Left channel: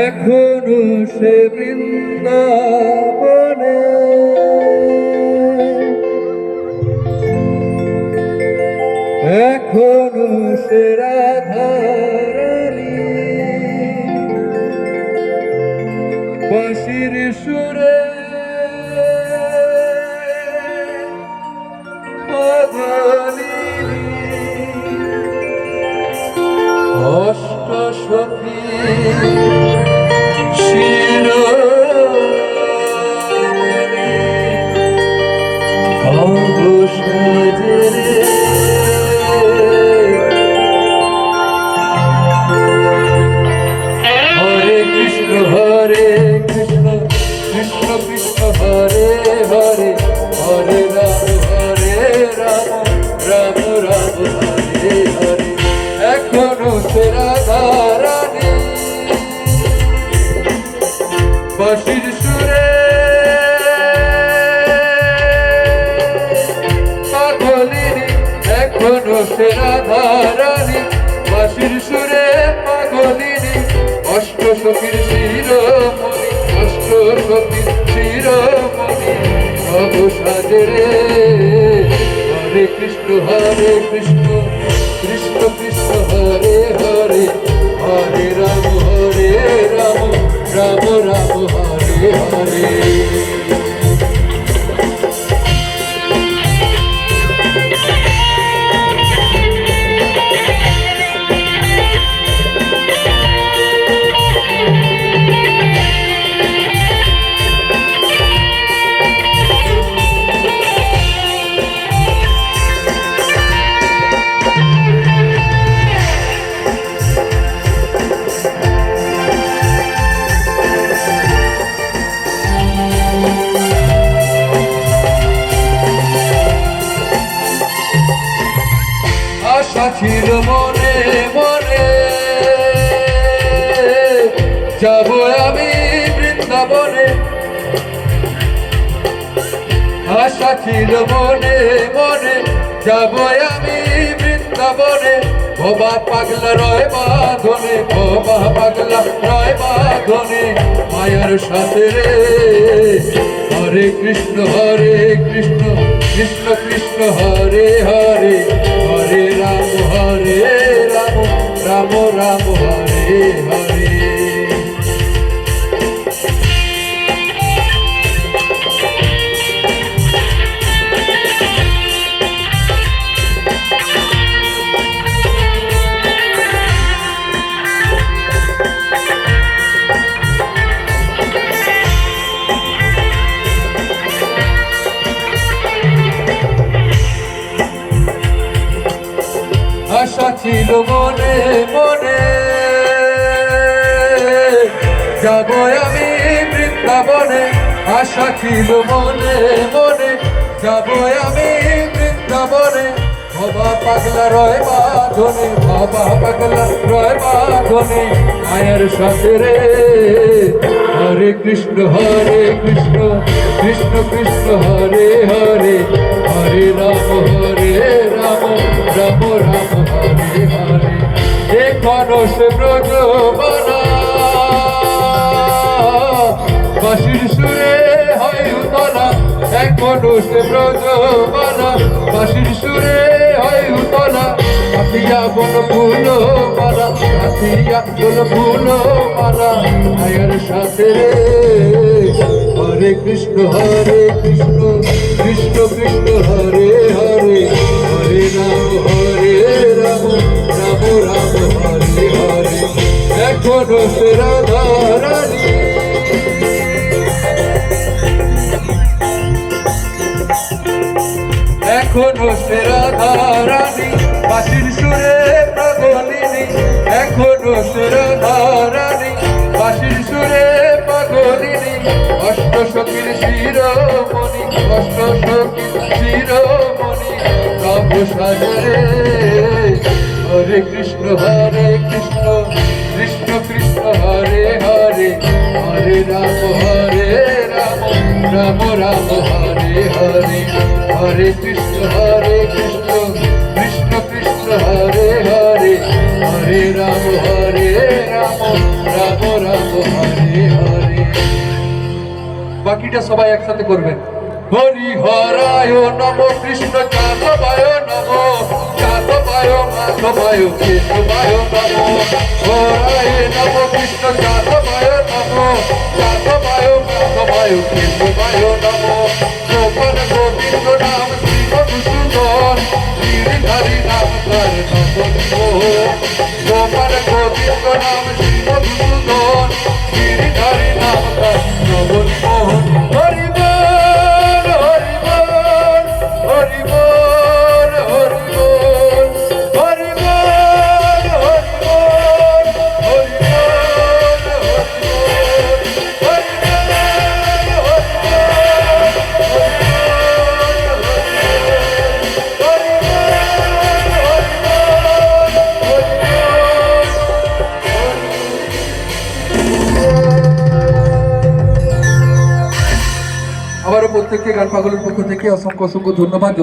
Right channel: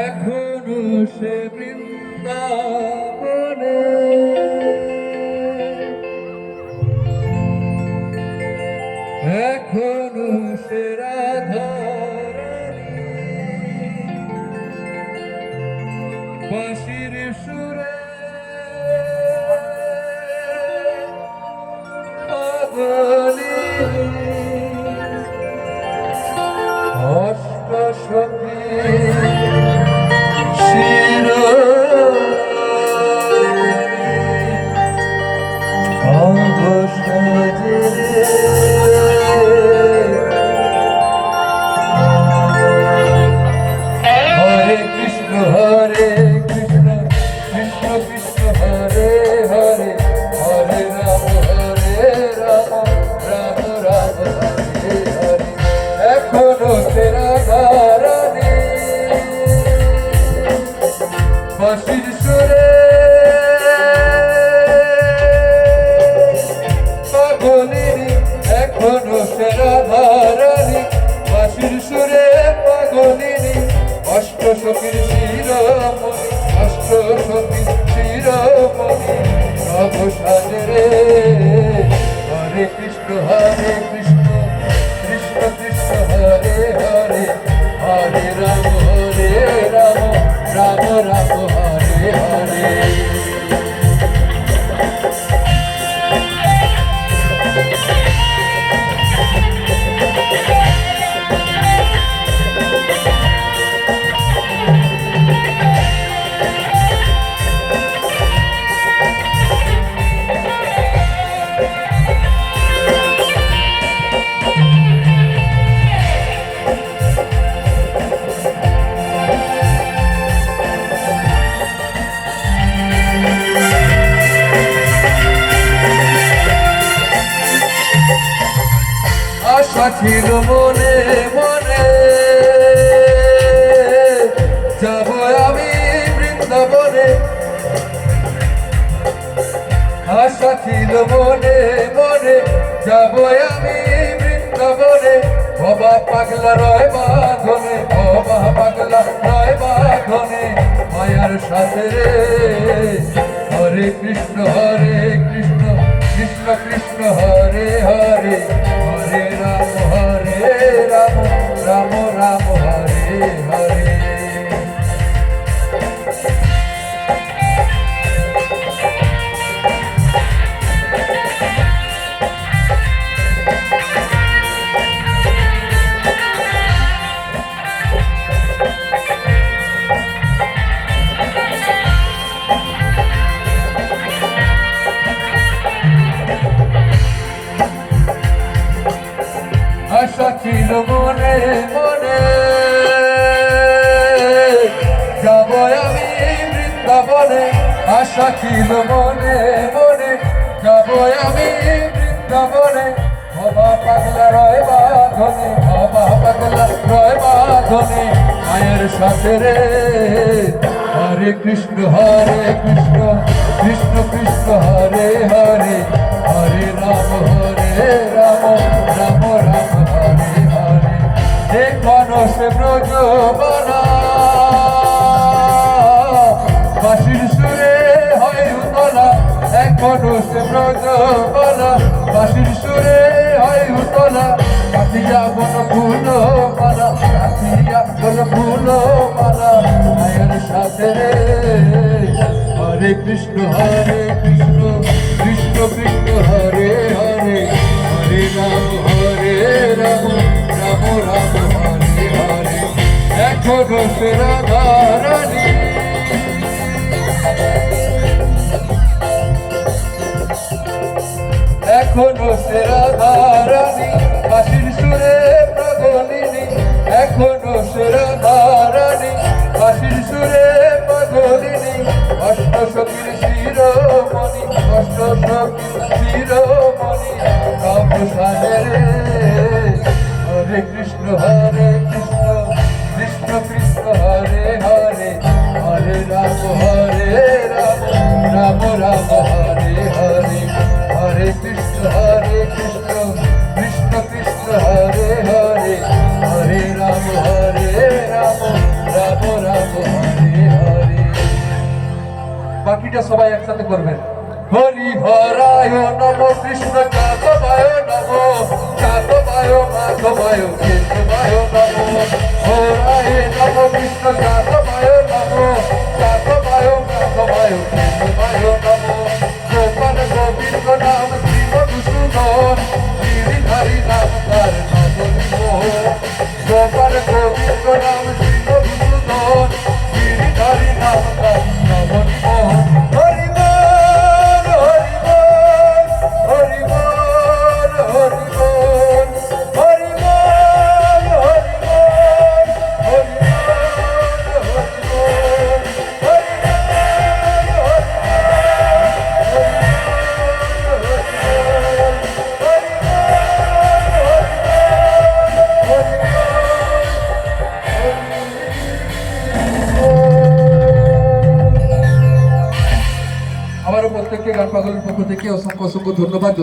এখনো সে বৃন্দাবনে এখনো সে রাধারানী বাঁশির সুরে পাগলী অষ্ট সখী হরে কৃষ্ণ কৃষ্ণ কৃষ্ণ হরে হরে হরে রাম রাম রাম হরে হরে এখনো ফেরা ধারানি বাঁশির সুরে পাগলিনী এখনো ফেরা ধারানি বাঁশির সুরে পাগলিনী অষ্ট সখীর শিরোমণি অষ্ট সখীর শিরোমণি সব সাজরে হরে কৃষ্ণ কৃষ্ণ কৃষ্ণ হরে হরে হরে রাম রাম রাম হরে হরে ছিল মনে মনে যাব আমি বৃন্দাবনে আশা ছিল মনে মনে যাব আমি বৃন্দাবনে বাবা পাগলা রয় বাঁধনে বাবা পাগলা রয় বাঁধনে মায়ার সাথে হরে কৃষ্ণ কৃষ্ণ কৃষ্ণ কৃষ্ণ হরে হরে হরে রাম রাম রাম হরে হরে আশা ছিল মনে মনে যাব আমি বৃন্দাবনে আশা ছিল মনে মনে যাব আমি বৃন্দাবনে বাবা পাগলা রয় বাঁধনে বাবা পাগলা রয় বাঁধনে মায়ের সাথে রে হরে কৃষ্ণ কৃষ্ণ কৃষ্ণ কৃষ্ণ হরে হরে হরে রাম রাম রাম হরে হরে এখনো সে ব্রজবনা বাঁশির সুরে হয় উতলা এখনো সে ব্রজবনা বাঁশির সুরে হয় উতলা কাতিয়া বন ফুল মালা কাতিয়া বন ফুল মালা মায়ের সাথে রে হরে কৃষ্ণ কৃষ্ণ কৃষ্ণ কৃষ্ণ হরে হরে হরে রাম রাম রাম হরে হরে এখনো সে রাধারানী এখনো সে রাধারানী বাঁশির সুরে পাগলিনী এখনো সে রাধারানী বাঁশির সুরে পাগলিনী অষ্ট সখীর শিরোমণি অষ্ট সখীর শিরোমণি সব সাজরে হরে কৃষ্ণ কৃষ্ণ কৃষ্ণ কৃষ্ণ হরে হরে হরে রাম রাম রাম হরে হরে হরে কৃষ্ণ কৃষ্ণ কৃষ্ণ কৃষ্ণ হরে হরে হরে রাম রাম রাম হরে হরে। বাকিটা সবাই একসাথে করবেন। হরি হরায় নম কৃষ্ণ যাদবায় নম যাদবায় মাধবায় কেশবায় নম হরায় নম কৃষ্ণ যাদবায় নম যাদবায় মাধবায় কেশবায় নম গোপন গোবিন্দ নাম শ্রী মধুসূদন গিরিধারী নাম কর গোপন গোবিন্দ নাম শ্রী মধুসূদন গিরিধারী নাম কর হরি আবারও প্রত্যেককে গান পাগলের পক্ষ থেকে অসংখ্য অসংখ্য ধন্যবাদ।